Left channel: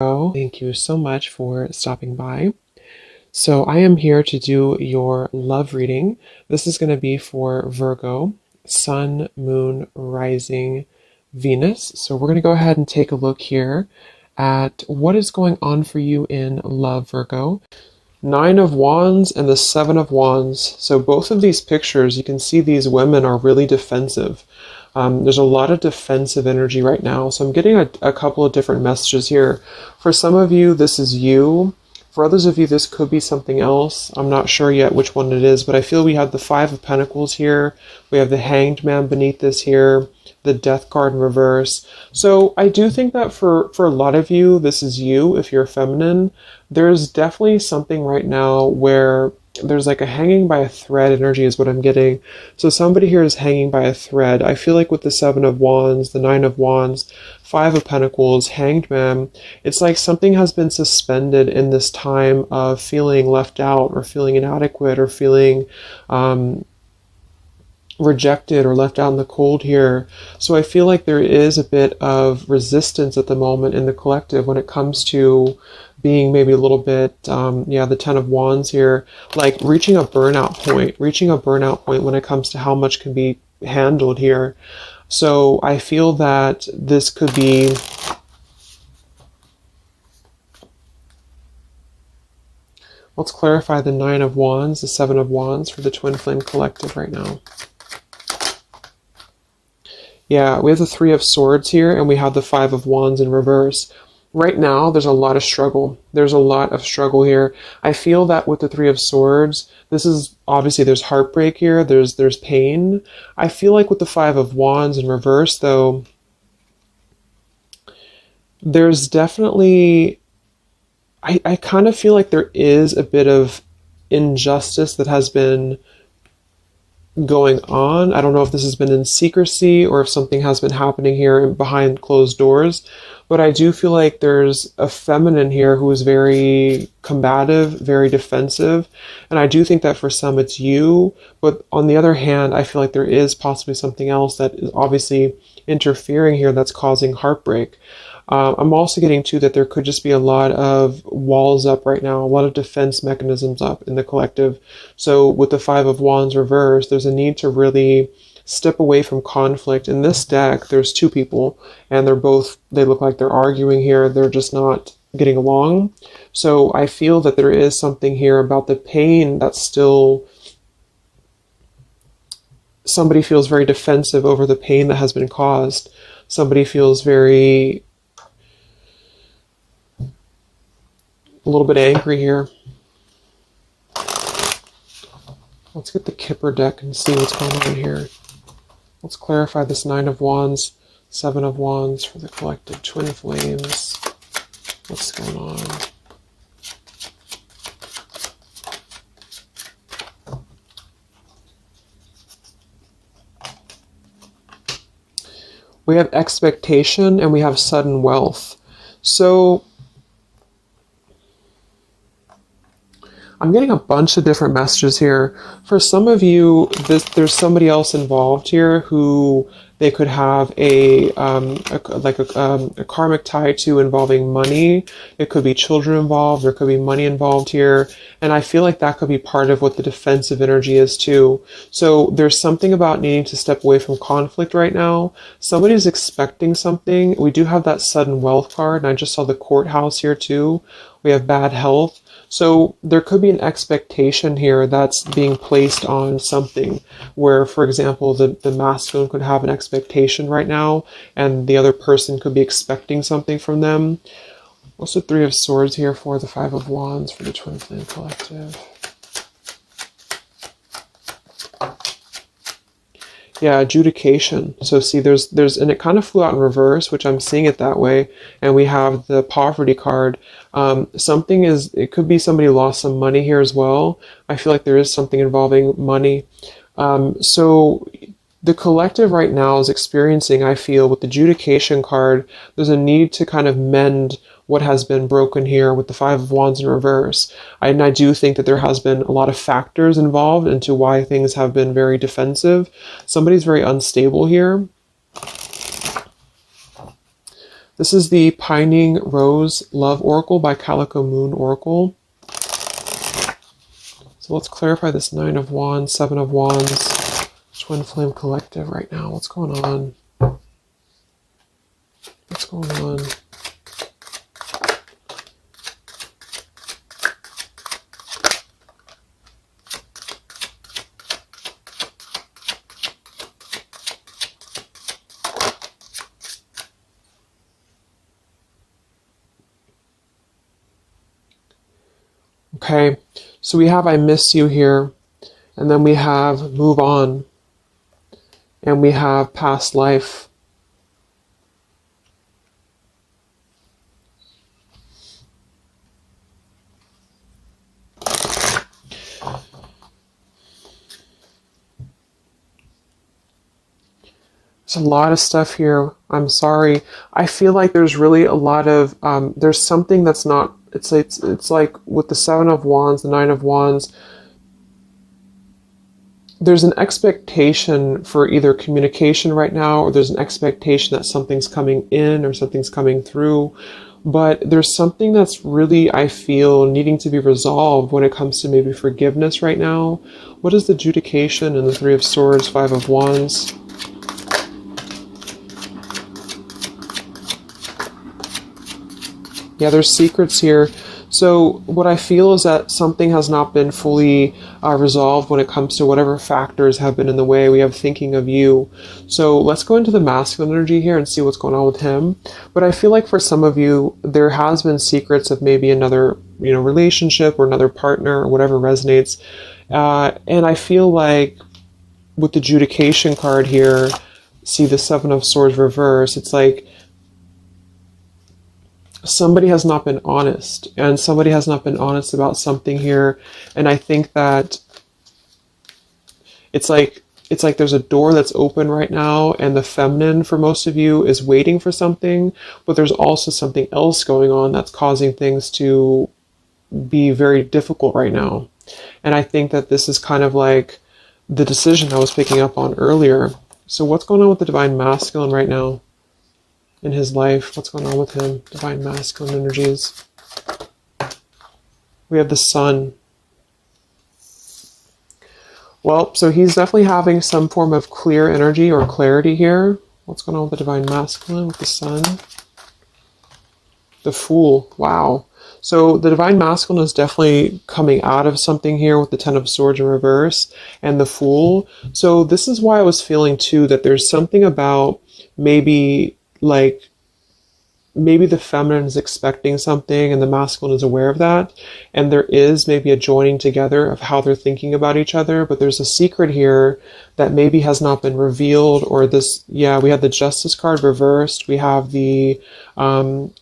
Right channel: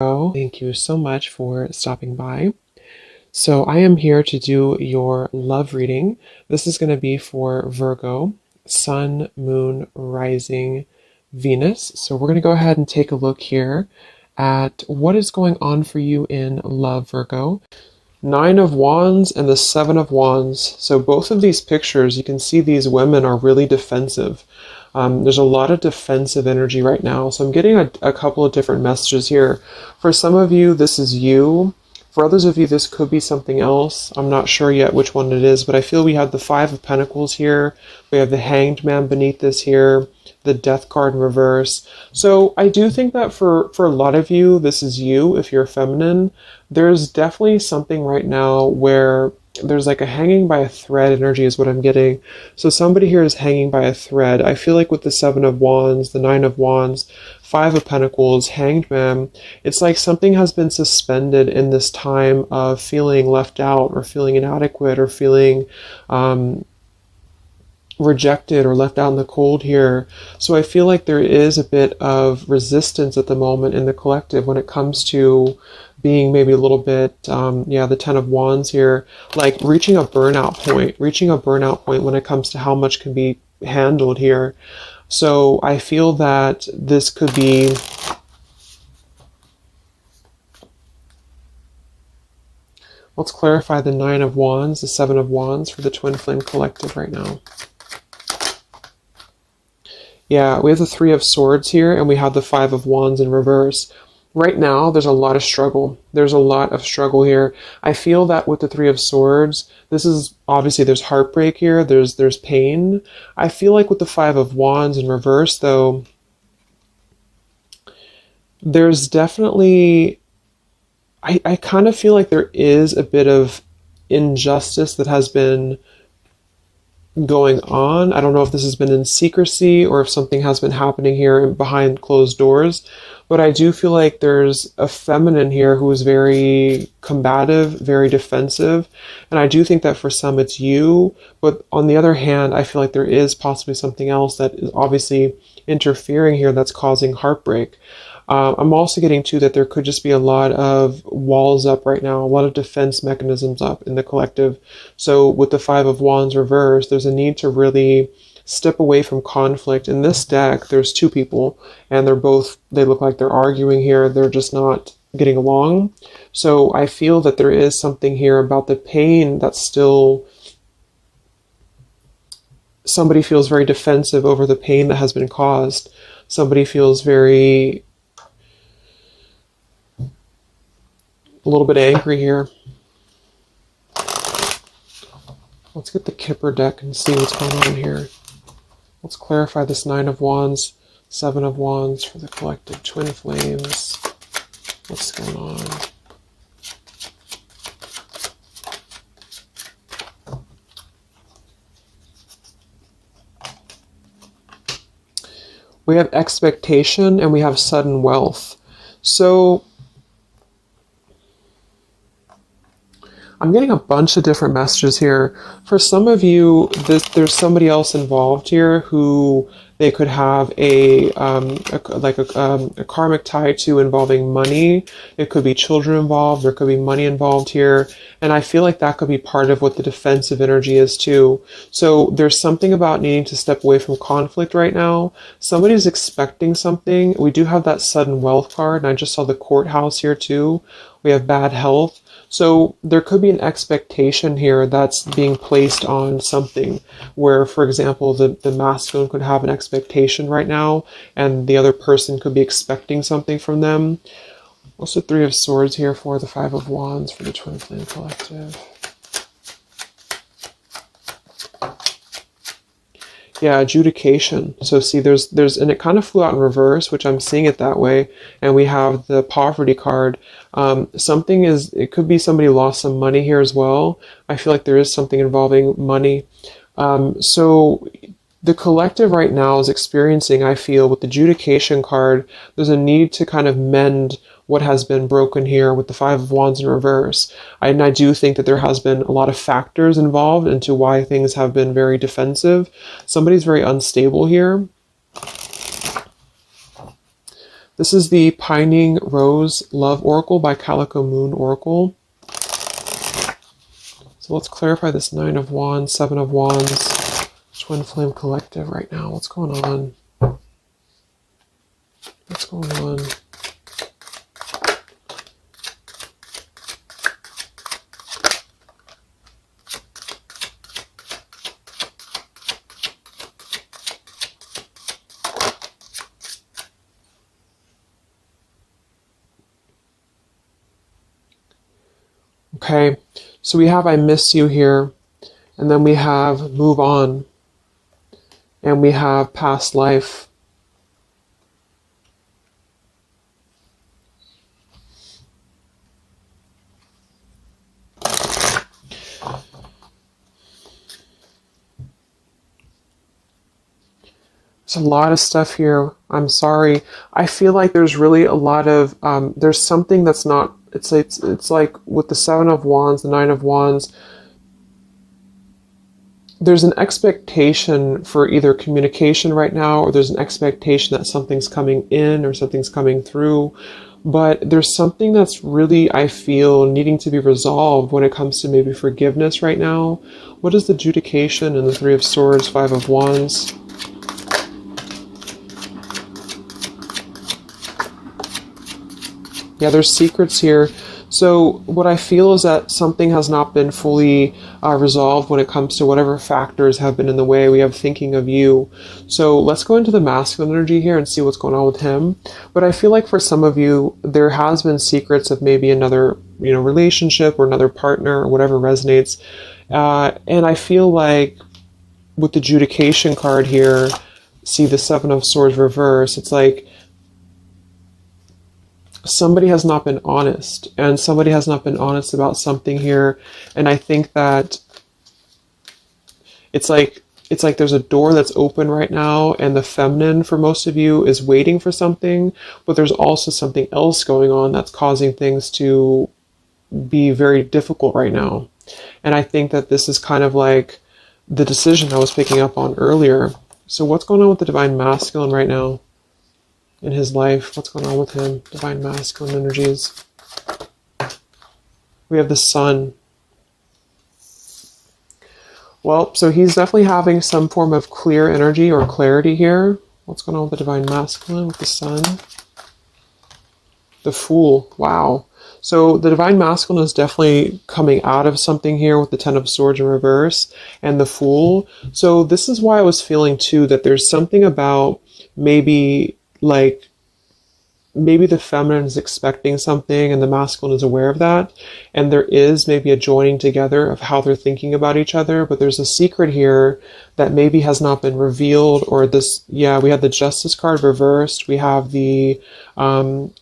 Virgo. Thank you so much for stopping by. So I am here to do your love reading. This is going to be for Virgo, Sun, Moon, Rising, Venus. So we're going to go ahead and take a look here at what is going on for you in love, Virgo. Nine of Wands and the Seven of Wands. So both of these pictures, you can see these women are really defensive. There's a lot of defensive energy right now. So I'm getting a couple of different messages here. For some of you, this is you. For others of you, this could be something else. I'm not sure yet which one it is, but I feel we have the Five of Pentacles here. We have the Hanged Man beneath this here, the Death card in reverse. So I do think that for a lot of you, this is you if you're feminine. There's definitely something right now where there's like a hanging by a thread energy is what I'm getting. So somebody here is hanging by a thread. I feel like with the Seven of Wands, the Nine of Wands, Five of Pentacles, Hanged Man, it's like something has been suspended in this time of feeling left out or feeling inadequate or feeling rejected or left out in the cold here. So I feel like there is a bit of resistance at the moment in the collective when it comes to being maybe a little bit, the Ten of Wands here, like reaching a burnout point when it comes to how much can be handled here. So I feel that this could be let's clarify the Nine of Wands, the Seven of Wands for the Twin Flame Collective right now. Yeah, we have the Three of Swords here, and we have the Five of Wands in reverse. Right now, there's a lot of struggle. There's a lot of struggle here. I feel that with the Three of Swords, this is, obviously there's heartbreak here, there's pain. I feel like with the Five of Wands in reverse, though, there's definitely, I kind of feel like there is a bit of injustice that has been going on. I don't know if this has been in secrecy or if something has been happening here behind closed doors, but I do feel like there's a feminine here who is very combative, very defensive, and I do think that for some it's you, but on the other hand, I feel like there is possibly something else that is obviously interfering here that's causing heartbreak. I'm also getting to that there could just be a lot of walls up right now, a lot of defense mechanisms up in the collective. So with the Five of Wands reversed, there's a need to really step away from conflict. In this deck, there's two people, and they look like they're arguing here. They're just not getting along. So I feel that there is something here about the pain that's still, somebody feels very defensive over the pain that has been caused. Somebody feels a little bit angry here. Let's get the Kipper deck and see what's going on here. Let's clarify this Nine of Wands, Seven of Wands for the collective Twin Flames. What's going on? We have expectation and we have sudden wealth. So I'm getting a bunch of different messages here. For some of you, there's somebody else involved here who they could have a karmic tie to involving money. It could be children involved. There could be money involved here. And I feel like that could be part of what the defensive energy is too. So there's something about needing to step away from conflict right now. Somebody's expecting something. We do have that sudden wealth card. And I just saw the courthouse here too. We have bad health. So there could be an expectation here that's being placed on something where, for example, the masculine could have an expectation right now and the other person could be expecting something from them. Also Three of Swords here for the Five of Wands for the Twin Flame Collective. Yeah, adjudication. So see, there's, and it kind of flew out in reverse, which I'm seeing it that way. And we have the poverty card. It could be somebody lost some money here as well. I feel like there is something involving money. So the collective right now is experiencing, I feel, with the adjudication card, there's a need to kind of mend what has been broken here with the Five of Wands in reverse. And I do think that there has been a lot of factors involved into why things have been very defensive. Somebody's very unstable here. This is the Pining Rose Love Oracle by Calico Moon Oracle. So let's clarify this Nine of Wands, Seven of Wands, Twin Flame Collective right now. What's going on? What's going on? Okay, so we have I miss you here, and then we have move on, and we have past life. There's a lot of stuff here. I'm sorry. I feel like there's really a lot of, there's something that's not, it's like with the Seven of Wands, the Nine of Wands, there's an expectation for either communication right now, or there's an expectation that something's coming in or something's coming through. But there's something that's really, I feel, needing to be resolved when it comes to maybe forgiveness right now. What is the adjudication in the Three of Swords, Five of Wands? Yeah, there's secrets here. So what I feel is that something has not been fully resolved when it comes to whatever factors have been in the way. We have thinking of you. So let's go into the masculine energy here and see what's going on with him. But I feel like for some of you, there has been secrets of maybe another, relationship or another partner or whatever resonates. And I feel like with the adjudication card here, see the Seven of Swords reverse, it's like somebody has not been honest, and somebody has not been honest about something here. And I think that it's like there's a door that's open right now, and the feminine for most of you is waiting for something, but there's also something else going on that's causing things to be very difficult right now. And I think that this is kind of like the decision I was picking up on earlier. So what's going on with the divine masculine right now in his life? What's going on with him? Divine masculine energies. We have the sun. Well, so he's definitely having some form of clear energy or clarity here. What's going on with the divine masculine with the sun? The Fool. Wow. So the divine masculine is definitely coming out of something here with the Ten of Swords in reverse and the Fool. So this is why I was feeling too that there's something about maybe the feminine is expecting something and the masculine is aware of that. And there is maybe a joining together of how they're thinking about each other. But there's a secret here that maybe has not been revealed, or this, yeah, we have the Justice card reversed. We have the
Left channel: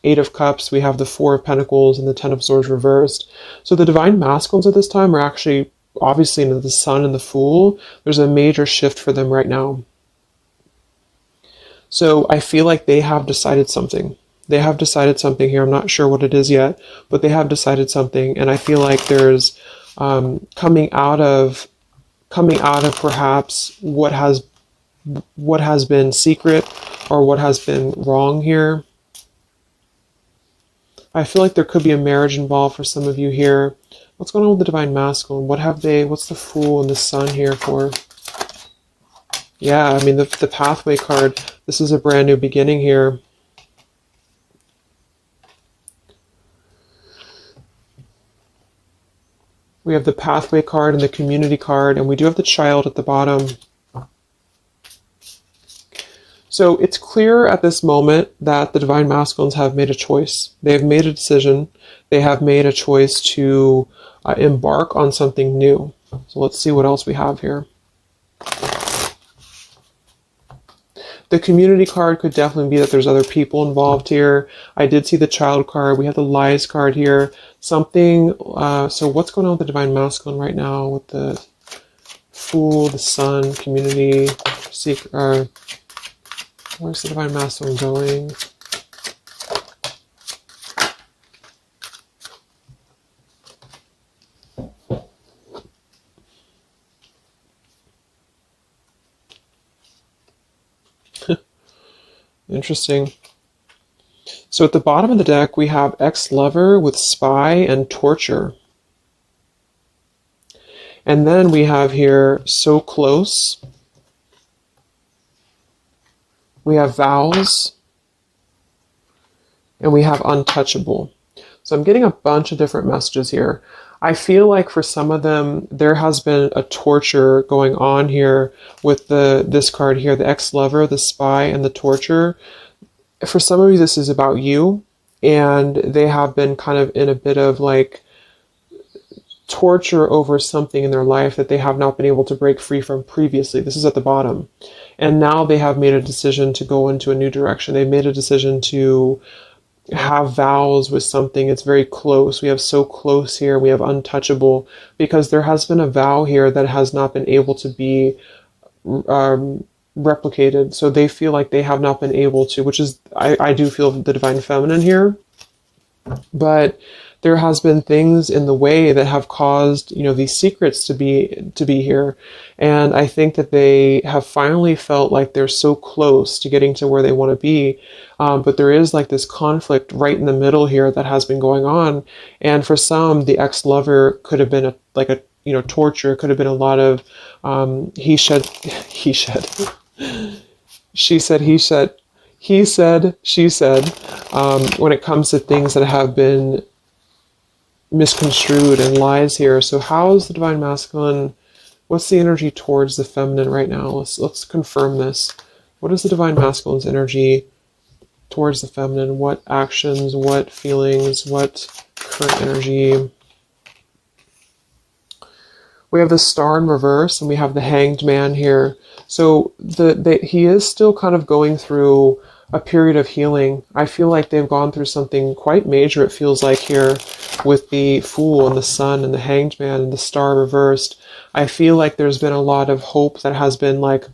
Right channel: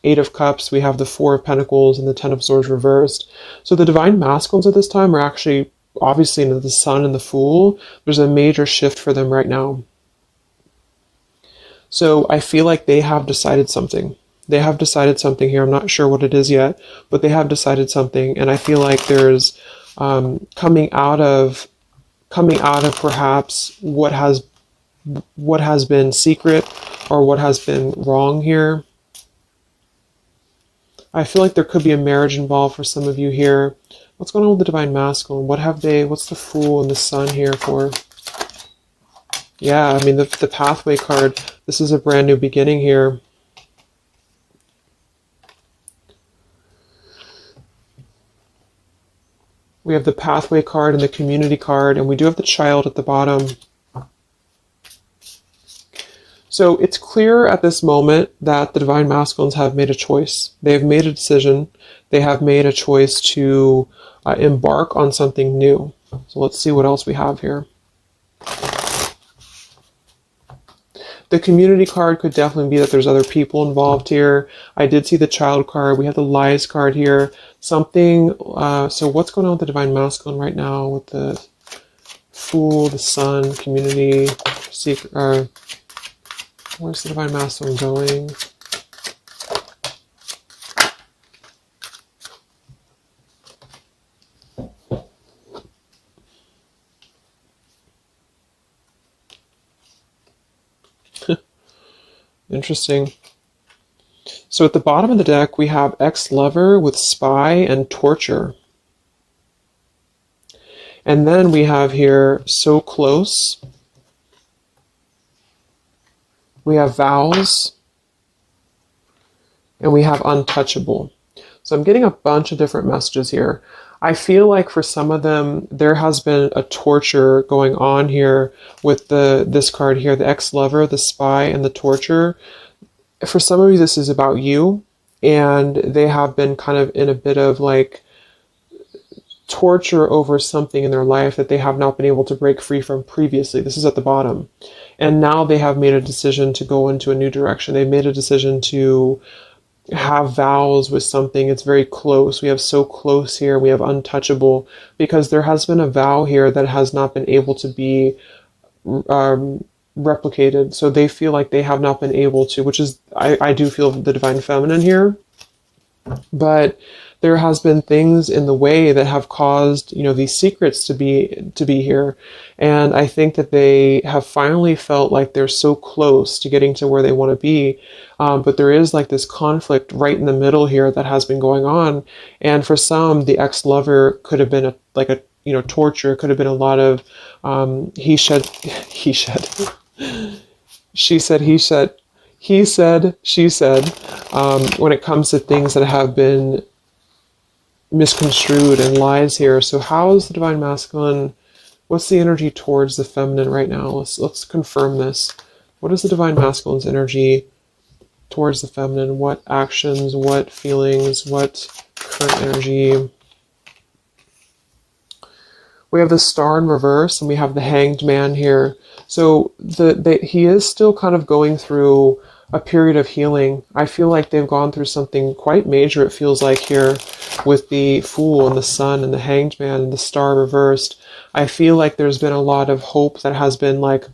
Eight of Cups. We have the Four of Pentacles and the Ten of Swords reversed. So the divine masculines at this time are actually, obviously, into the Sun and the Fool. There's a major shift for them right now. So I feel like they have decided something. They have decided something here. I'm not sure what it is yet, but they have decided something. And I feel like there's coming out of perhaps what has been secret or what has been wrong here. I feel like there could be a marriage involved for some of you here. What's going on with the divine masculine? What's the Fool and the Sun here for? Yeah, I mean, the pathway card, this is a brand new beginning here. We have the pathway card and the community card, and we do have the Child at the bottom. So it's clear at this moment that the divine masculines have made a choice. They've made a decision. They have made a choice to embark on something new. So let's see what else we have here. The community card could definitely be that there's other people involved here. I did see the Child card. We have the Lies card here. Something, so what's going on with the divine masculine right now with the Fool, the Sun, community, sacred, where's the divine masculine going? Interesting. So at the bottom of the deck, we have ex-lover with spy and torture. And then we have here so close. We have vows. And we have untouchable. So I'm getting a bunch of different messages here. I feel like for some of them, there has been a torture going on here with this card here, the ex-lover, the spy, and the torture. For some of you, this is about you, and they have been kind of in a bit of like torture over something in their life that they have not been able to break free from previously. This is at the bottom. And now they have made a decision to go into a new direction. They've made a decision to have vows with something. It's very close. We have so close here. We have untouchable, because there has been a vow here that has not been able to be replicated. So they feel like they have not been able to, which is, I do feel the divine feminine here, but there has been things in the way that have caused, these secrets to be here. And I think that they have finally felt like they're so close to getting to where they want to be. But there is like this conflict right in the middle here that has been going on. And for some, the ex-lover could have been torture. It could have been a lot of he said, she said, he said, he said, she said, when it comes to things that have been misconstrued and lies here. So how is the divine masculine? What's the energy towards the feminine right now? Let's confirm this. What is the divine masculine's energy towards the feminine? What actions, what feelings, what current energy? We have the star in reverse, and we have the hanged man here. So he is still kind of going through a period of healing. I feel like they've gone through something quite major, it feels like, here with the Fool and the Sun and the Hanged Man and the Star reversed. I feel like there's been a lot of hope that has been like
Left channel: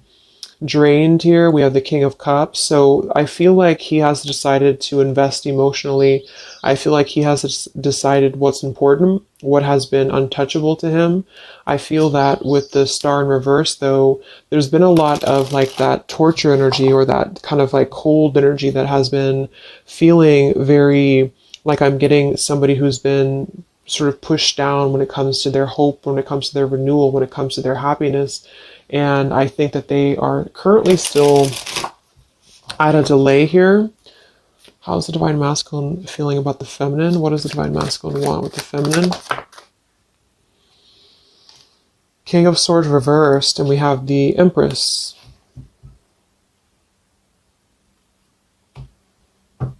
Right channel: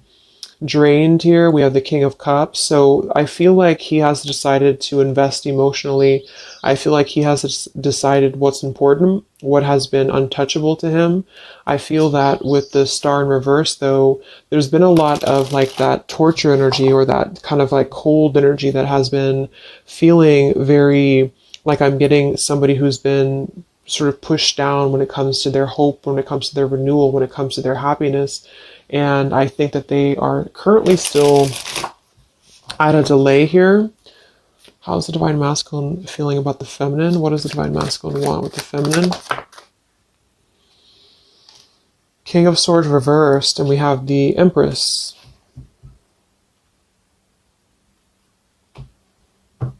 drained here. We have the King of Cups. So I feel like he has decided to invest emotionally. I feel like he has decided what's important, what has been untouchable to him. I feel that with the Star in reverse, though, there's been a lot of like that torture energy, or that kind of like cold energy that has been feeling very like I'm getting somebody who's been sort of pushed down when it comes to their hope, when it comes to their renewal, when it comes to their happiness. And I think that they are currently still at a delay here. How's the divine masculine feeling about the feminine? What does the divine masculine want with the feminine? King of Swords reversed, and we have the Empress. How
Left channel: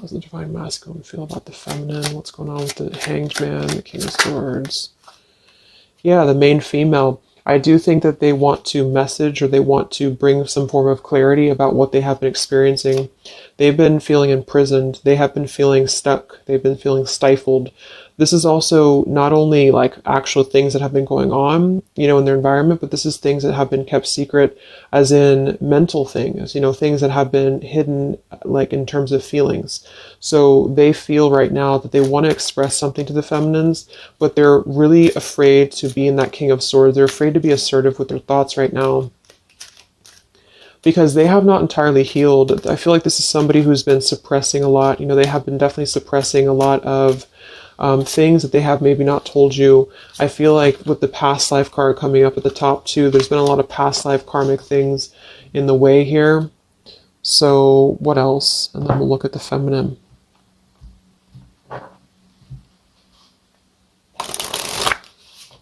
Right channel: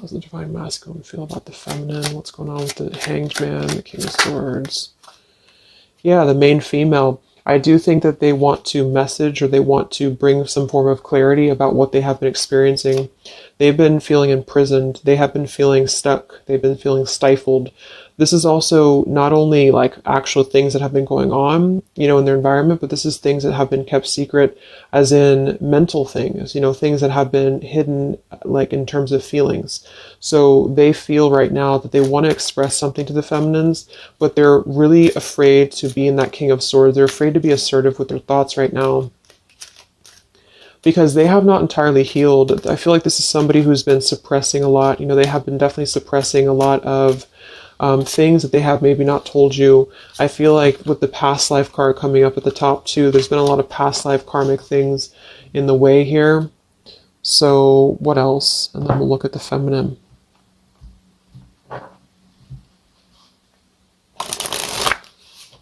does the divine masculine feel about the feminine? What's going on with the Hanged Man, the King of Swords? Yeah, the main female. I do think that they want to message, or they want to bring some form of clarity about what they have been experiencing. They've been feeling imprisoned. They have been feeling stuck. They've been feeling stifled. This is also not only like actual things that have been going on, in their environment, but this is things that have been kept secret, as in mental things, things that have been hidden, like in terms of feelings. So they feel right now that they want to express something to the feminines, but they're really afraid to be in that King of Swords. They're afraid to be assertive with their thoughts right now, because they have not entirely healed. I feel like this is somebody who's been suppressing a lot. They have been definitely suppressing a lot of things that they have maybe not told you. I feel like with the past life card coming up at the top too, there's been a lot of past life karmic things in the way here. So what else? And then we'll look at the feminine.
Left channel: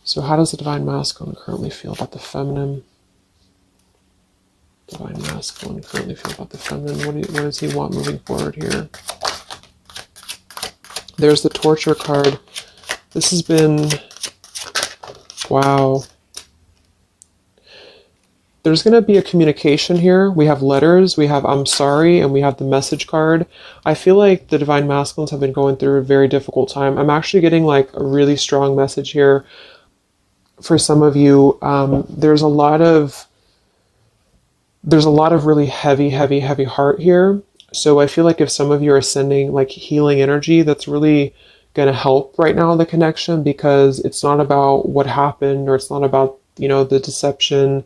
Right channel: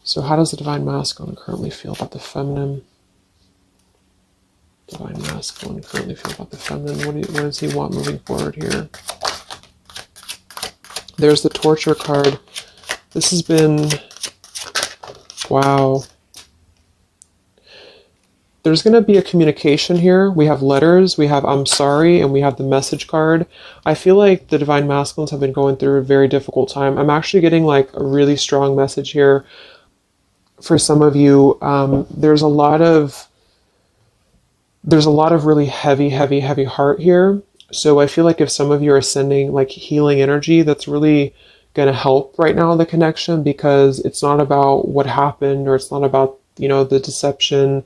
So how does the divine masculine currently feel about the feminine? Divine masculine currently feel about the feminine. What does he want moving forward here? There's the torture card. This has been, wow. There's going to be a communication here. We have letters, we have I'm sorry, and we have the message card. I feel like the divine masculines have been going through a very difficult time. I'm actually getting like a really strong message here for some of you. There's a lot of really heavy heart here. So I feel like if some of you are sending like healing energy, that's really going to help right now, the connection, because it's not about what happened, or it's not about, the deception.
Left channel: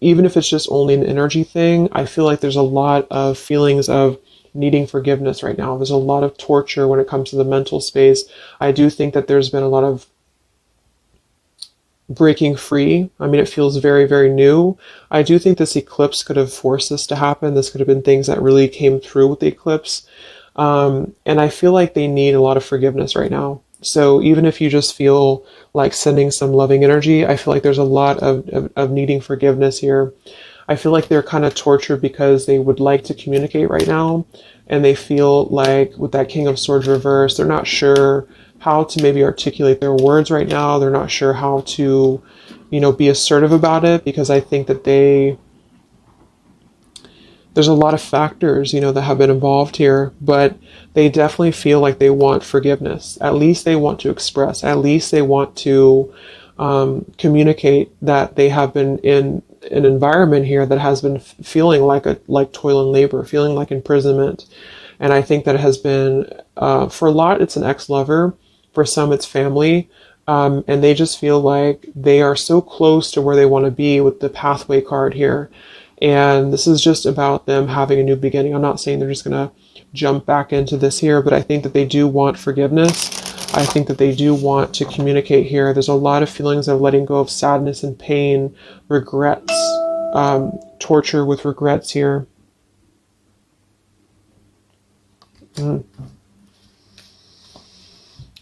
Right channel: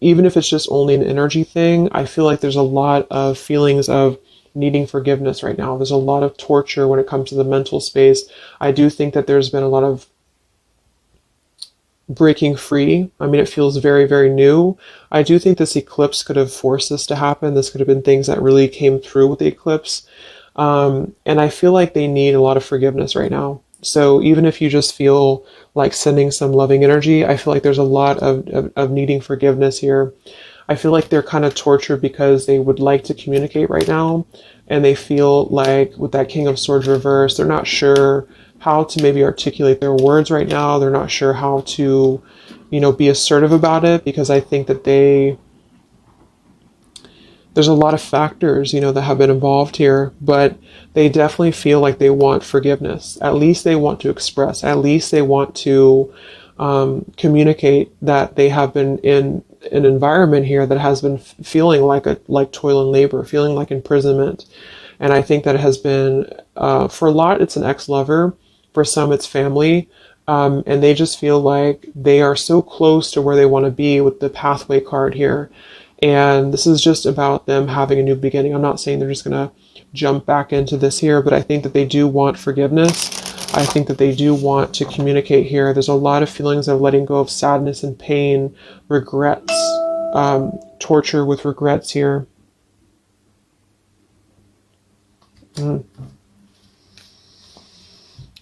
even if it's just only an energy thing, I feel like there's a lot of feelings of needing forgiveness right now. There's a lot of torture when it comes to the mental space. I do think that there's been a lot of breaking free. I mean, it feels very, very new. I do think this eclipse could have forced this to happen. This could have been things that really came through with the eclipse. And I feel like they need a lot of forgiveness right now. So even if you just feel like sending some loving energy, I feel like there's a lot of needing forgiveness here. I feel like they're kind of tortured because they would like to communicate right now. And they feel like with that King of Swords reverse, they're not sure how to maybe articulate their words right now. They're not sure how to, be assertive about it, because I think that there's a lot of factors, that have been involved here, but they definitely feel like they want forgiveness. At least they want to express, at least they want to communicate that they have been in an environment here that has been feeling like toil and labor, feeling like imprisonment. And I think that it has been, for a lot, it's an ex-lover. For some, it's family. And they just feel like they are so close to where they want to be with the pathway card here. And this is just about them having a new beginning. I'm not saying they're just going to jump back into this here, but I think that they do want forgiveness. I think that they do want to communicate here. There's a lot of feelings of letting go of sadness and pain, regrets, torture with regrets here.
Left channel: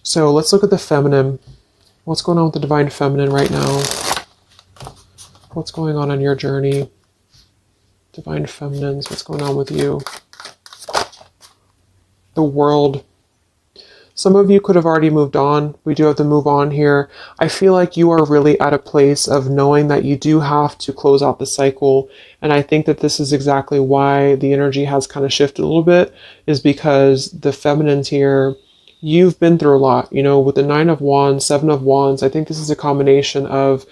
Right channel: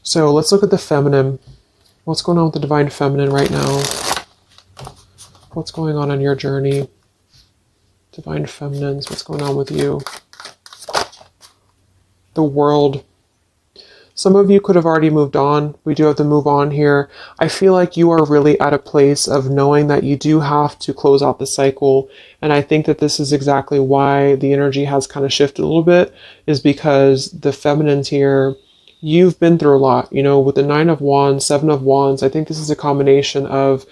So let's look at the feminine. What's going on with the divine feminine right now? What's going on your journey? Divine feminines, what's going on with you? The world. Some of you could have already moved on. We do have to move on here. I feel like you are really at a place of knowing that you do have to close out the cycle. And I think that this is exactly why the energy has kind of shifted a little bit, is because the feminines here, you've been through a lot, with the 9 of Wands, 7 of Wands. I think this is a combination of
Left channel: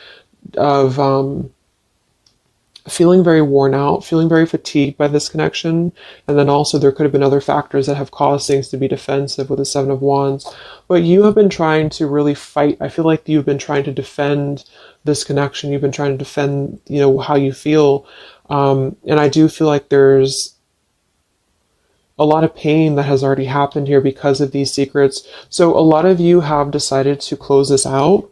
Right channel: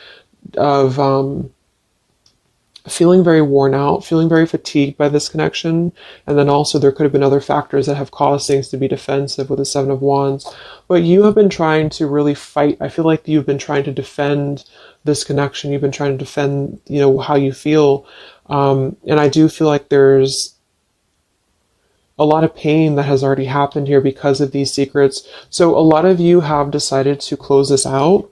feeling very worn out, feeling very fatigued by this connection. And then also there could have been other factors that have caused things to be defensive with the 7 of Wands. But you have been trying to really fight. I feel like you've been trying to defend this connection. You've been trying to defend, how you feel. And I do feel like there's a lot of pain that has already happened here because of these secrets. So a lot of you have decided to close this out.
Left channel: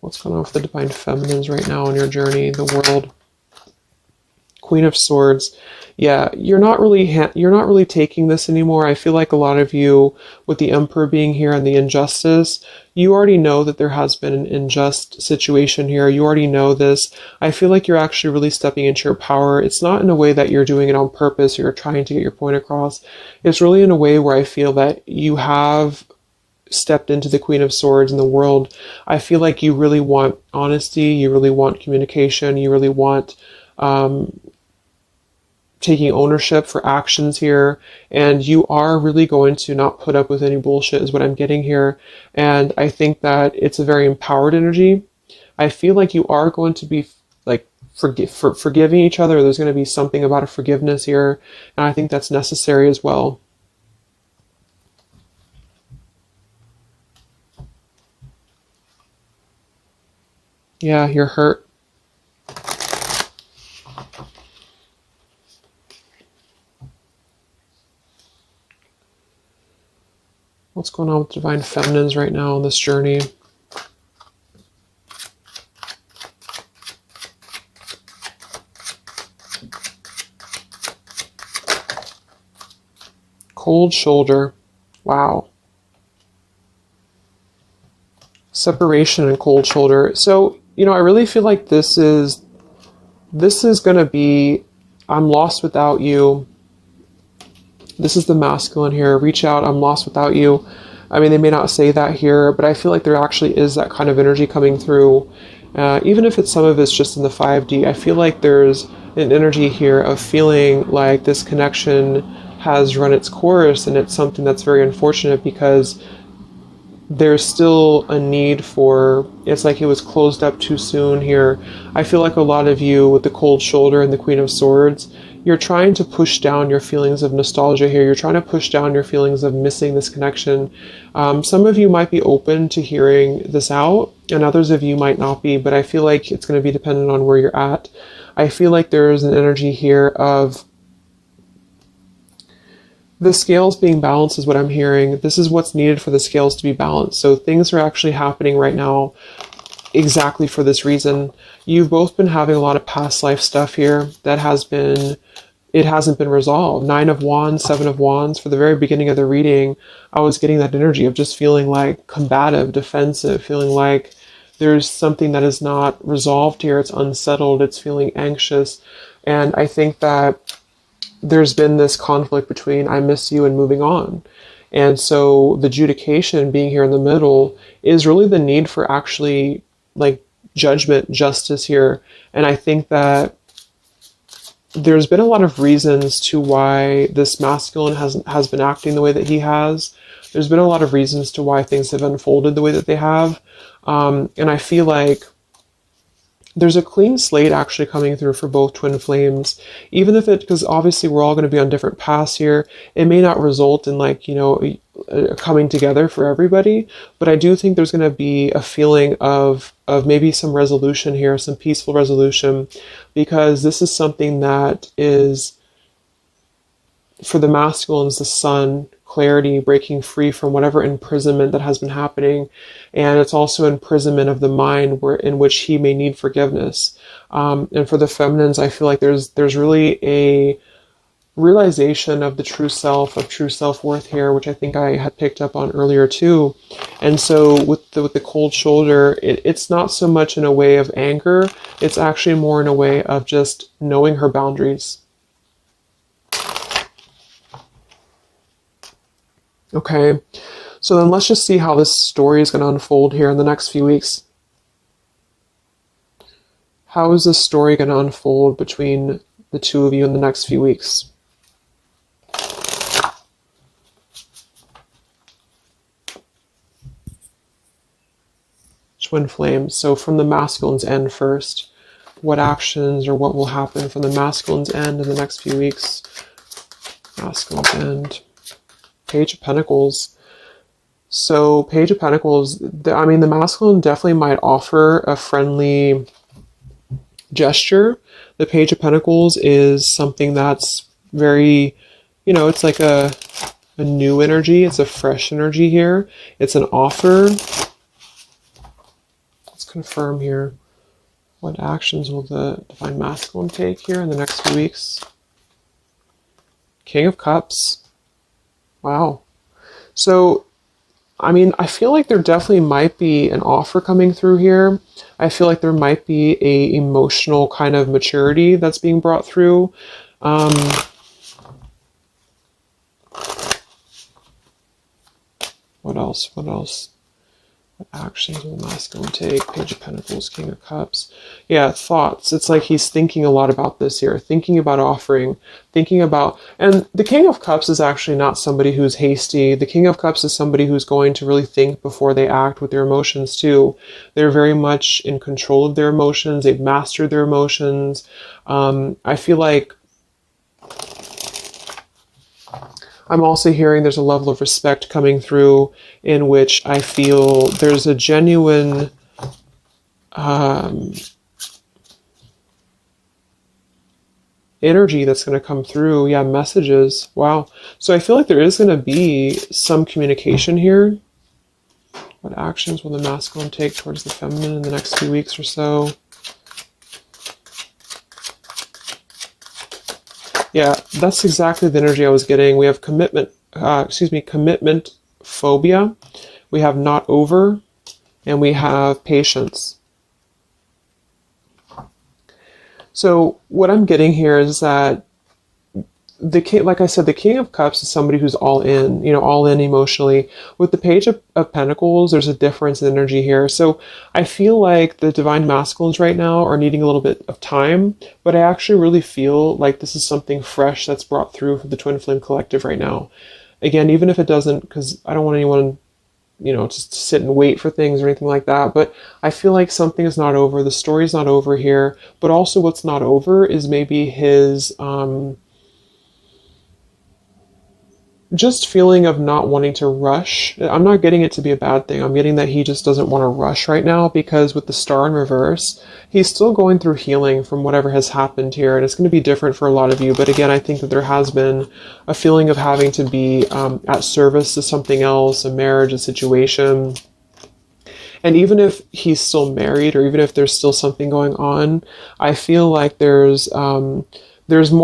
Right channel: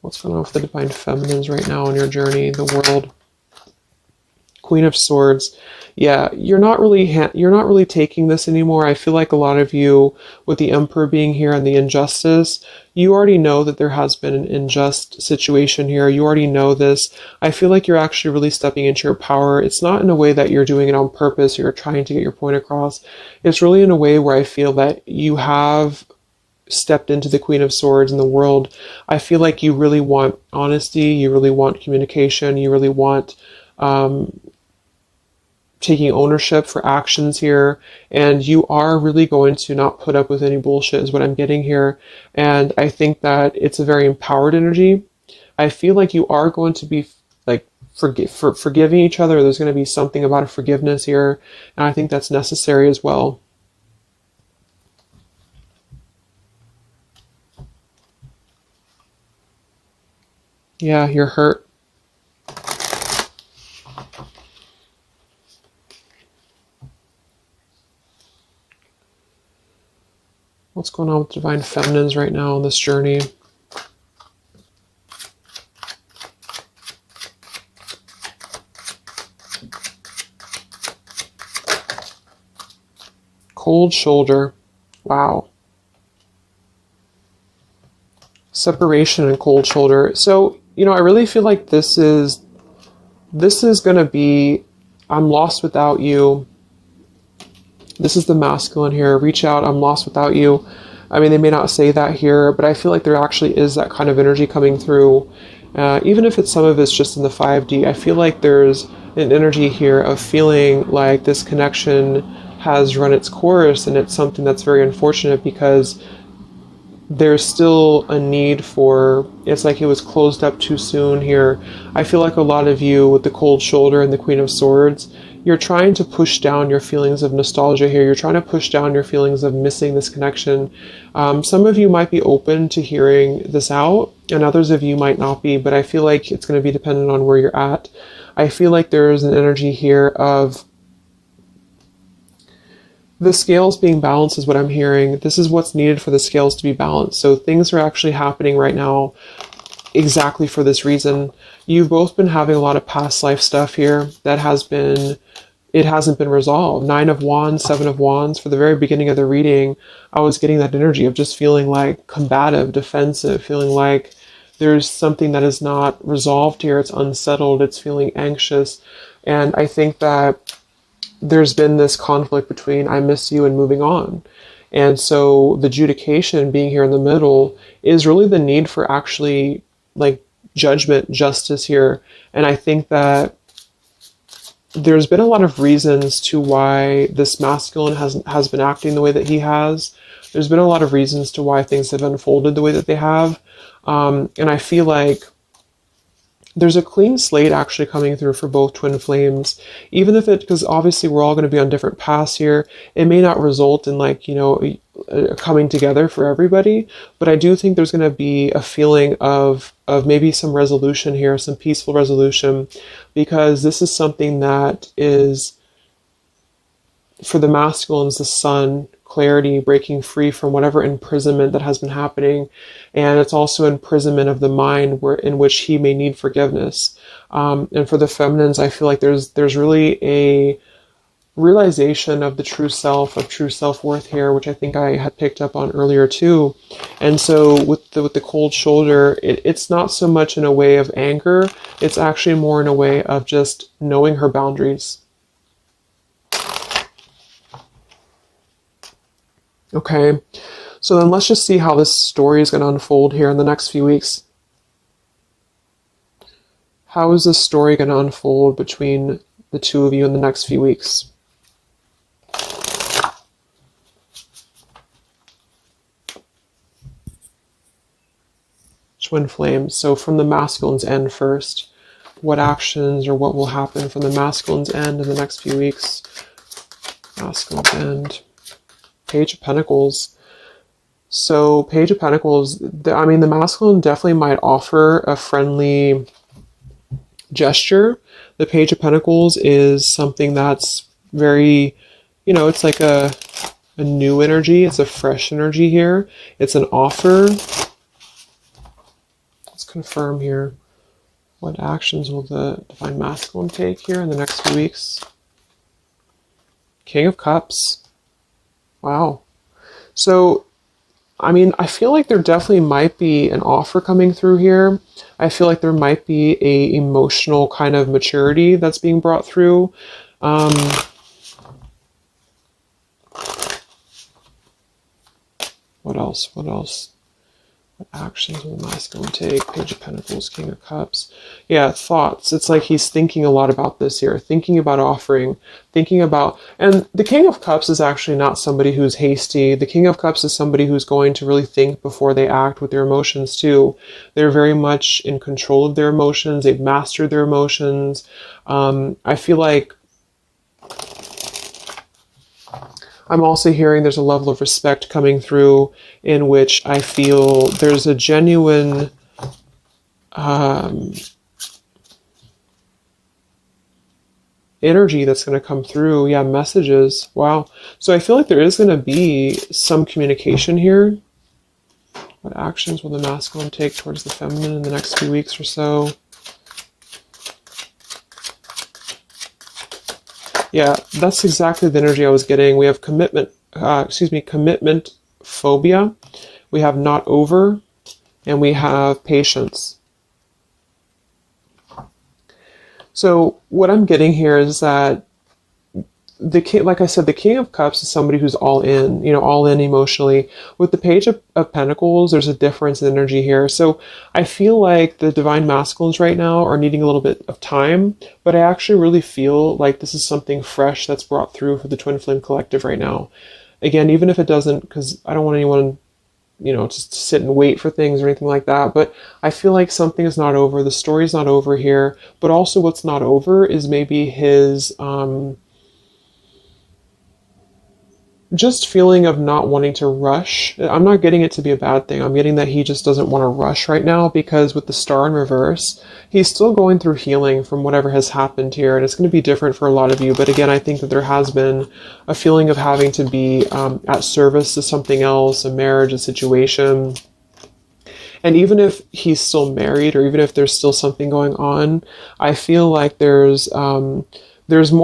What's going on with the divine feminines right now on your journey? The world. Queen of Swords. Yeah, you're not really taking this anymore. I feel like a lot of you, with the Emperor being here and the injustice, you already know that there has been an unjust situation here. You already know this. I feel like you're actually really stepping into your power. It's not in a way that you're doing it on purpose or you're trying to get your point across. It's really in a way where I feel that you have stepped into the Queen of Swords in the world. I feel like you really want honesty, you really want communication, you really want taking ownership for actions here, and you are really going to not put up with any bullshit is what I'm getting here. And I think that it's a very empowered energy. I feel like you are going to be like forgiving each other. There's going to be something about a forgiveness here, and I think that's necessary as well. Yeah, you're hurt. What's going on with divine feminines right now on this journey? Cold shoulder. Wow. Separation and cold shoulder. So, I really feel like this is going to be, I'm lost without you. This is the masculine here. Reach out, I'm lost without you. I mean, they may not say that here, but I feel like there actually is that kind of energy coming through. Even if some of it's just in the 5D, I feel like there's an energy here of feeling like this connection has run its course, and it's something that's very unfortunate because there's still a need for, it's like it was closed up too soon here. I feel like a lot of you with the cold shoulder and the Queen of Swords, you're trying to push down your feelings of nostalgia here. You're trying to push down your feelings of missing this connection. Some of you might be open to hearing this out, and others of you might not be, but I feel like it's going to be dependent on where you're at. I feel like there is an energy here of the scales being balanced is what I'm hearing. This is what's needed for the scales to be balanced. So things are actually happening right now exactly for this reason. You've both been having a lot of past life stuff here that it hasn't been resolved. 9 of Wands, 7 of Wands. For the very beginning of the reading, I was getting that energy of just feeling like combative, defensive, feeling like there's something that is not resolved here. It's unsettled. It's feeling anxious. And I think that there's been this conflict between I miss you and moving on. And so the adjudication being here in the middle is really the need for actually like judgment, justice here. And I think that there's been a lot of reasons to why this masculine has been acting the way that he has. There's been a lot of reasons to why things have unfolded the way that they have. And I feel like there's a clean slate actually coming through for both twin flames, even if because obviously we're all going to be on different paths here. It may not result in like, a coming together for everybody, but I do think there's going to be a feeling of maybe some resolution here, some peaceful resolution, because this is something that is, for the masculines, the sun, clarity, breaking free from whatever imprisonment that has been happening. And it's also imprisonment of the mind in which he may need forgiveness. And for the feminines, I feel like there's really a realization of the true self, of true self-worth here, which I think I had picked up on earlier too. And so with the cold shoulder, it's not so much in a way of anger. It's actually more in a way of just knowing her boundaries. Okay, so then let's just see how this story is going to unfold here in the next few weeks. How is this story going to unfold between the two of you in the next few weeks? Twin flames. So from the masculine's end first, what actions or what will happen from the masculine's end in the next few weeks? Masculine's end. Page of Pentacles. So Page of Pentacles, the masculine definitely might offer a friendly gesture. The Page of Pentacles is something that's very, it's like a new energy. It's a fresh energy here. It's an offer. Let's confirm here. What actions will the divine masculine take here in the next few weeks? King of Cups. Wow. So, I feel like there definitely might be an offer coming through here. I feel like there might be a emotional kind of maturity that's being brought through. What else? What actions will the masculine take? Page of Pentacles, King of Cups. Yeah, thoughts. It's like he's thinking a lot about this here, thinking about offering, and the King of Cups is actually not somebody who's hasty. The King of Cups is somebody who's going to really think before they act with their emotions too. They're very much in control of their emotions. They've mastered their emotions. I feel like I'm also hearing there's a level of respect coming through in which I feel there's a genuine energy that's going to come through. Yeah, messages. Wow. So I feel like there is going to be some communication here. What actions will the masculine take towards the feminine in the next few weeks or so? Yeah, that's exactly the energy I was getting. We have commitment phobia. We have not over, and we have patience. So what I'm getting here is that the king, like I said, the King of Cups is somebody who's all in, all in emotionally. With the Page of Pentacles, there's a difference in energy here. So I feel like the divine masculines right now are needing a little bit of time, but I actually really feel like this is something fresh that's brought through for the Twin Flame Collective right now. Again, even if it doesn't, because I don't want anyone just sit and wait for things or anything like that. But I feel like something is not over. The story's not over here. But also what's not over is maybe his just feeling of not wanting to rush. I'm not getting it to be a bad thing. I'm getting that he just doesn't want to rush right now because with the star in reverse, he's still going through healing from whatever has happened here. And it's going to be different for a lot of you. But again, I think that there has been a feeling of having to be at service to something else, a marriage, a situation. And even if he's still married or even if there's still something going on, I feel like there's more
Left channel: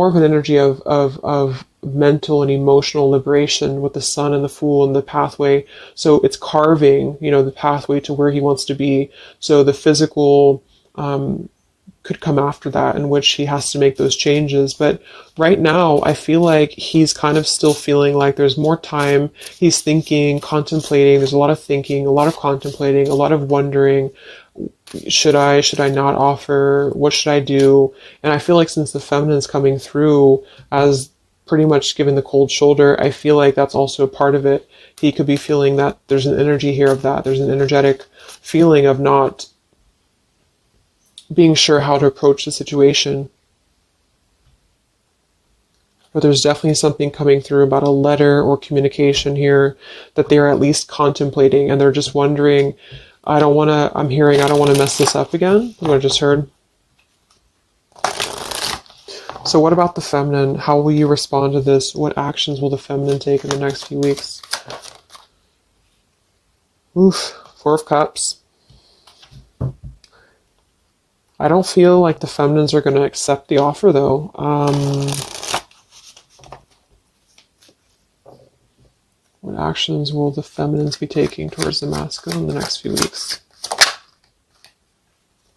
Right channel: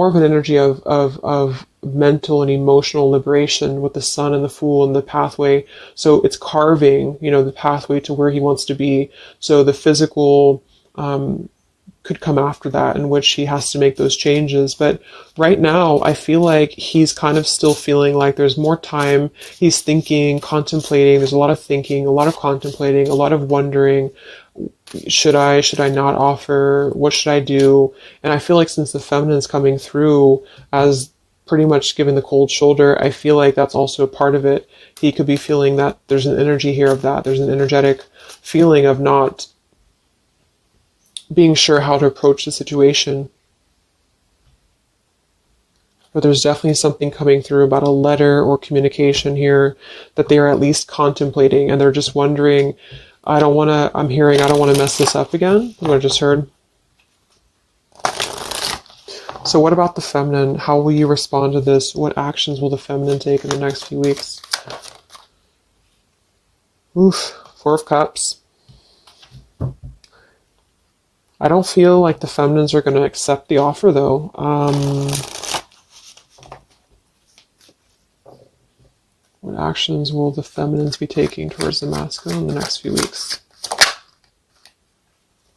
of an energy of mental and emotional liberation with the sun and the fool and the pathway. So it's carving, the pathway to where he wants to be. So the physical could come after that, in which he has to make those changes. But right now, I feel like he's kind of still feeling like there's more time. He's thinking, contemplating. There's a lot of thinking, a lot of contemplating, a lot of wondering. Should I not offer? What should I do? And I feel like since the feminine's coming through as pretty much given the cold shoulder, I feel like that's also a part of it. He could be feeling that there's an energy here of that. There's an energetic feeling of not being sure how to approach the situation. But there's definitely something coming through about a letter or communication here that they're at least contemplating, and they're just wondering, I don't want to mess this up again. What I just heard. So what about the feminine? How will you respond to this? What actions will the feminine take in the next few weeks? Oof, Four of Cups. I don't feel like the feminines are going to accept the offer, though. What actions will the feminines be taking towards the masculine in the next few weeks?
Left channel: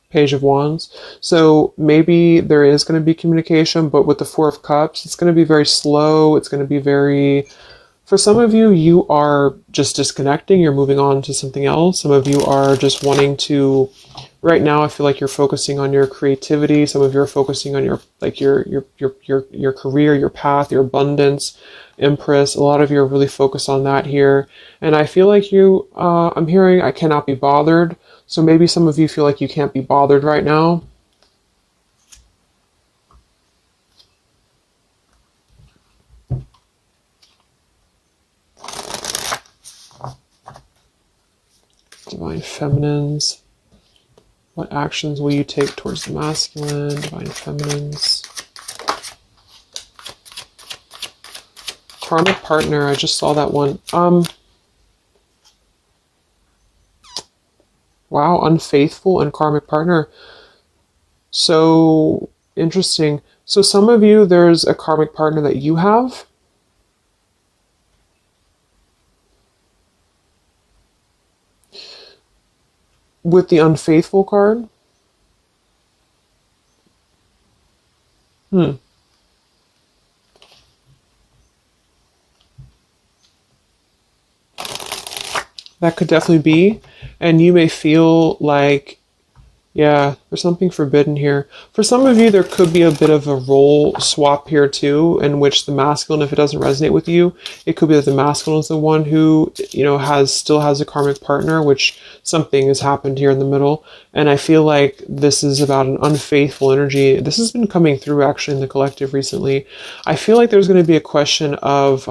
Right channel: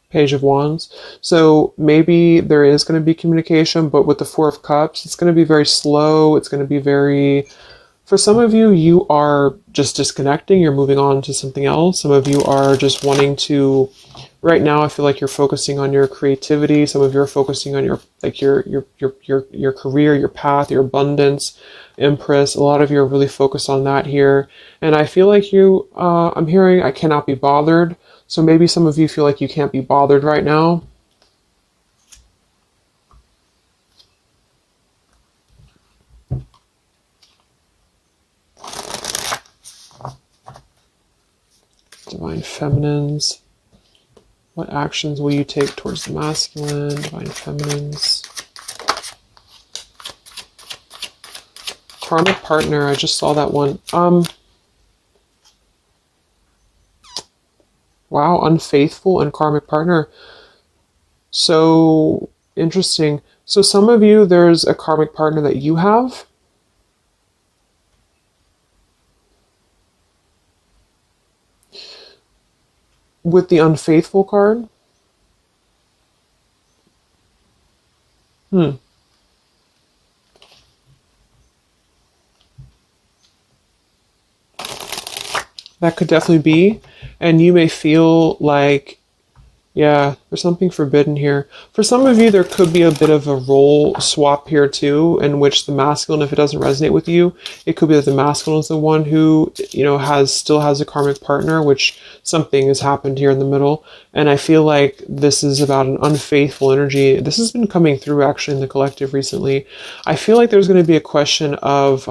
Page of Wands. So maybe there is going to be communication, but with the Four of Cups, it's going to be very slow. It's going to be very... For some of you, you are just disconnecting. You're moving on to something else. Some of you are just wanting to... Right now, I feel like you're focusing on your creativity. Some of you are focusing on your career, your path, your abundance, Empress. A lot of you are really focused on that here. And I feel like I'm hearing I cannot be bothered. So maybe some of you feel like you can't be bothered right now. Divine Feminines. What actions will you take towards the masculine? Divine Feminines. Karmic partner. I just saw that one. Wow, unfaithful and karmic partner. So interesting. So some of you, there's a karmic partner that you have. With the unfaithful card. That could definitely be. And you may feel like, yeah, there's something forbidden here. For some of you, there could be a bit of a role swap here too, in which the masculine, if it doesn't resonate with you, it could be that the masculine is the one who, still has a karmic partner, which something has happened here in the middle. And I feel like this is about an unfaithful energy. This has been coming through actually in the collective recently. I feel like there's going to be a question of,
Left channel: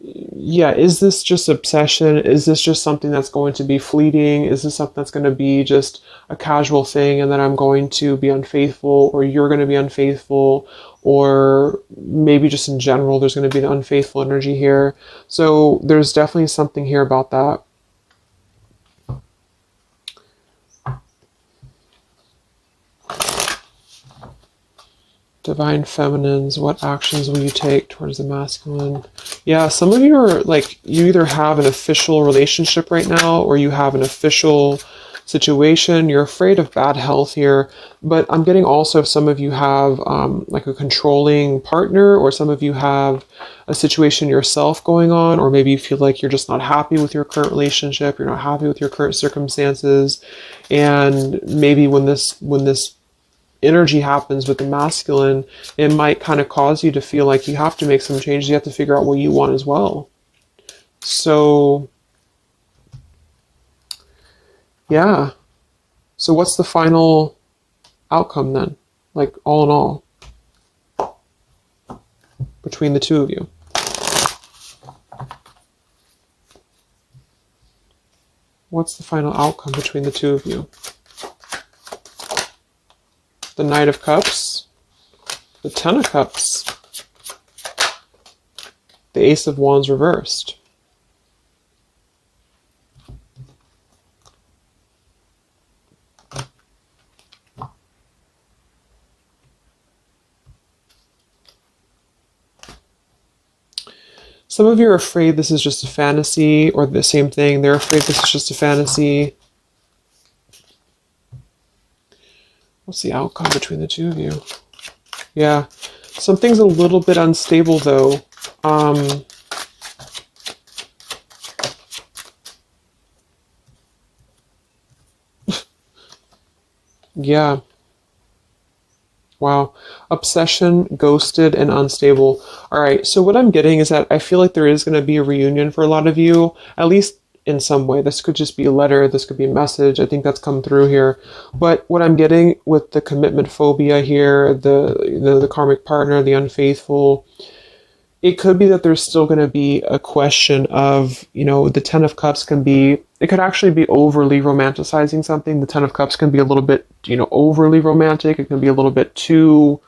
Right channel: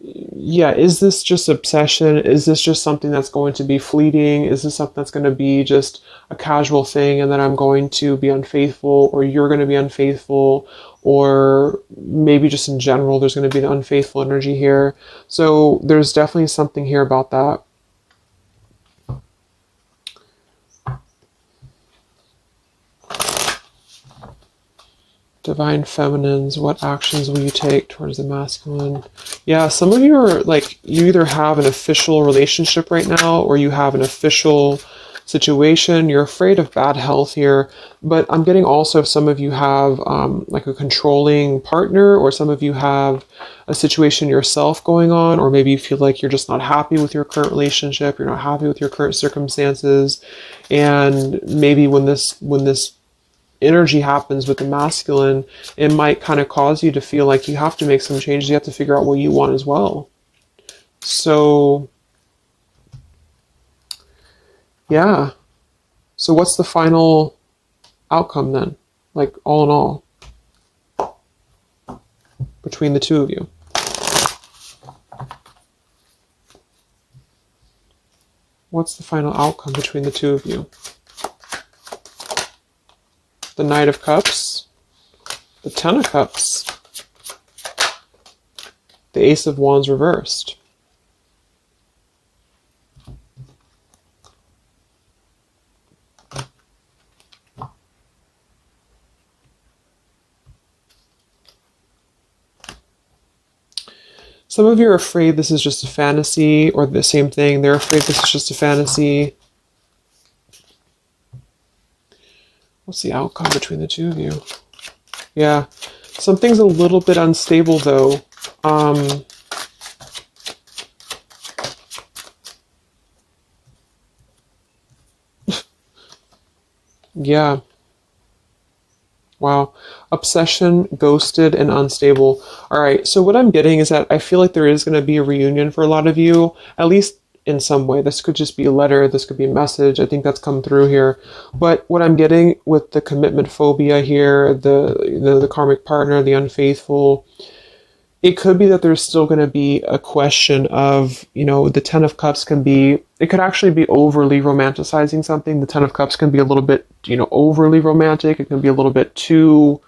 is this just obsession? Is this just something that's going to be fleeting? Is this something that's going to be just a casual thing and then I'm going to be unfaithful, or you're going to be unfaithful, or maybe just in general there's going to be an unfaithful energy here. So there's definitely something here about that. Divine Feminines, what actions will you take towards the masculine? Yeah, some of you are like, you either have an official relationship right now or you have an official situation. You're afraid of bad health here, but I'm getting also some of you have like a controlling partner, or some of you have a situation yourself going on, or maybe you feel like you're just not happy with your current relationship, you're not happy with your current circumstances, and maybe when this energy happens with the masculine, it might kind of cause you to feel like you have to make some changes. You have to figure out what you want as well. So Yeah. So what's the final outcome then? Like all in all, between the two of you. What's the final outcome between the two of you? The Knight of Cups, the Ten of Cups, the Ace of Wands reversed. Some of you are afraid this is just a fantasy, or the same thing. They're afraid this is just a fantasy. What's the outcome between the two of you? Yeah. Something's a little bit unstable, though. Yeah. Wow. Obsession, ghosted, and unstable. All right. So what I'm getting is that I feel like there is going to be a reunion for a lot of you, at least in some way. This could just be a letter. This could be a message. I think that's come through here. But what I'm getting with the commitment phobia here, the karmic partner, the unfaithful, it could be that there's still going to be a question of, the Ten of Cups can be, it could actually be overly romanticizing something. The Ten of Cups can be a little bit, overly romantic. It can be a little bit too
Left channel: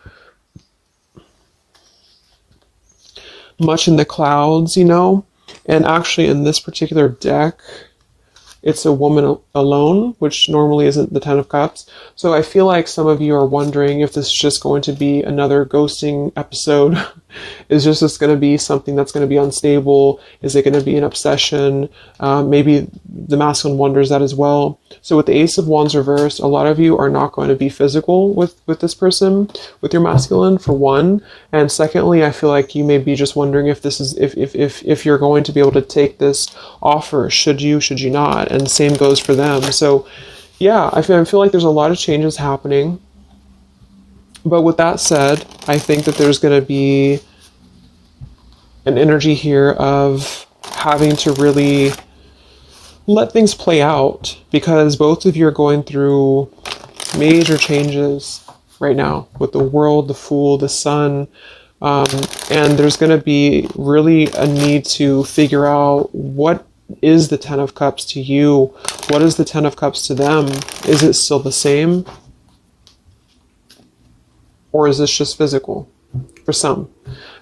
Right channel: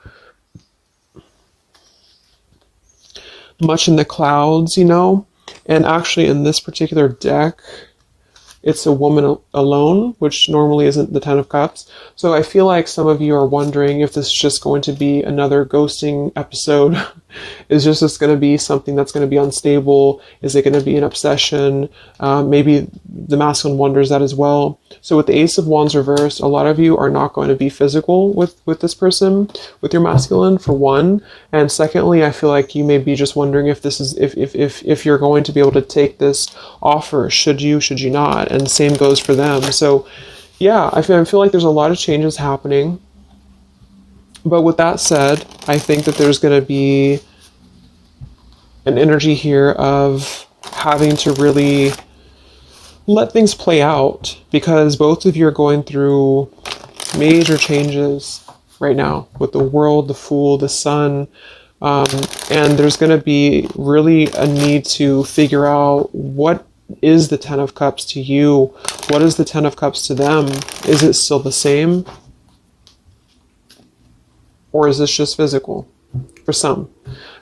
much in the clouds, And actually in this particular deck, it's a woman alone, which normally isn't the Ten of Cups. So I feel like some of you are wondering if this is just going to be another ghosting episode. Is this going to be something that's going to be unstable? Is it going to be an obsession? Maybe the masculine wonders that as well. So with the Ace of Wands reversed, a lot of you are not going to be physical with this person, with your masculine, for one. And secondly, I feel like you may be just wondering if this is if you're going to be able to take this offer. Should you not? And the same goes for them. So yeah, I feel like there's a lot of changes happening. But with that said, I think that there's going to be an energy here of having to really let things play out, because both of you are going through major changes right now with the World, the Fool, the Sun, and there's going to be really a need to figure out what is the Ten of Cups to you, what is the Ten of Cups to them. Is it still the same, or is this just physical for some?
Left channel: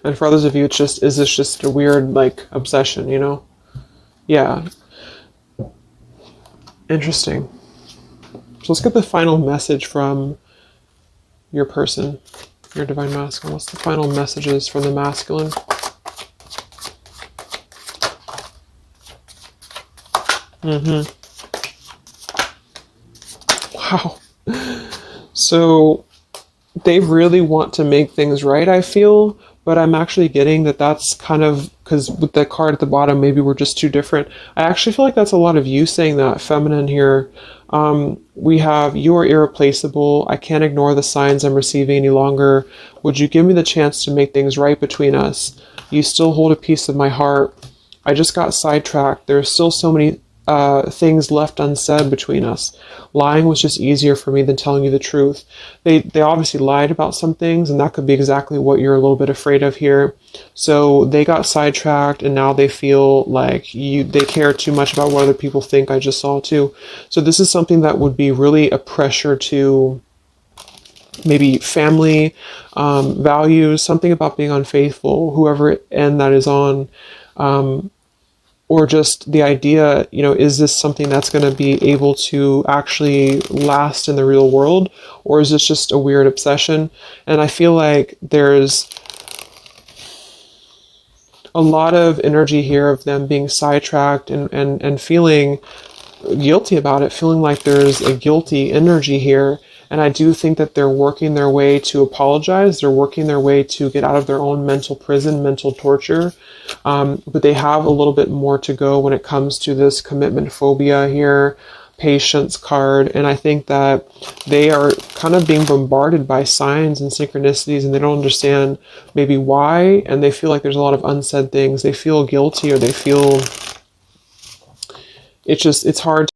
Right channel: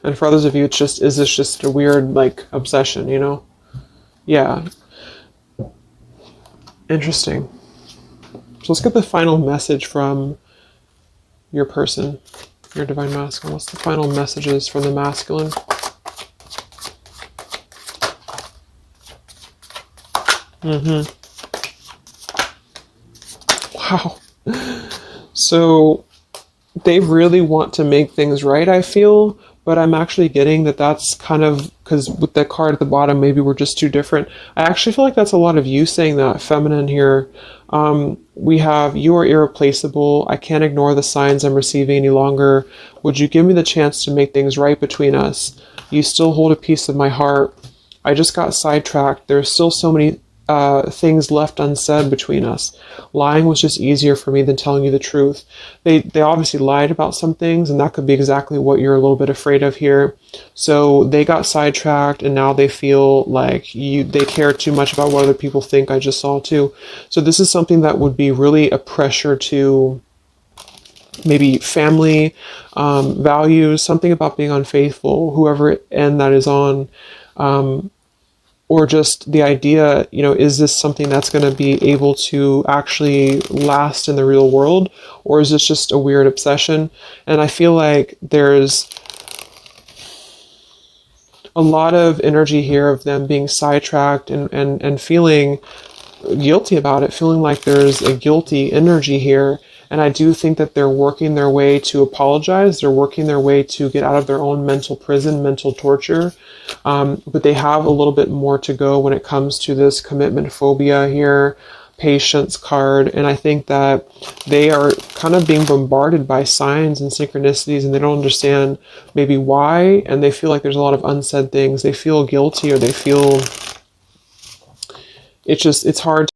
And for others of you, is this just a weird, obsession, Yeah. Interesting. So let's get the final message from your person, your divine masculine. What's the final messages from the masculine? Wow. So they really want to make things right, I feel. But I'm actually getting that that's kind of, because with the card at the bottom, maybe we're just too different. I actually feel like that's a lot of you saying that, feminine here. We have, you are irreplaceable. I can't ignore the signs I'm receiving any longer. Would you give me the chance to make things right between us? You still hold a piece of my heart. I just got sidetracked. There are still so many things left unsaid between us. Lying was just easier for me than telling you the truth. They obviously lied about some things, and that could be exactly what you're a little bit afraid of here. So they got sidetracked, and now they feel like they care too much about what other people think. I just saw too. So this is something that would be really a pressure to maybe family values, something about being unfaithful, whoever end that is on. Or just the idea, is this something that's going to be able to actually last in the real world? Or is this just a weird obsession? And I feel like there's a lot of energy here of them being sidetracked and feeling guilty about it, feeling like there's a guilty energy here. And I do think that they're working their way to apologize. They're working their way to get out of their own mental prison, mental torture. But they have a little bit more to go when it comes to this commitment phobia here, patience card. And I think that they are kind of being bombarded by signs and synchronicities, and they don't understand maybe why. And they feel like there's a lot of unsaid things. They feel guilty, or they feel it's hard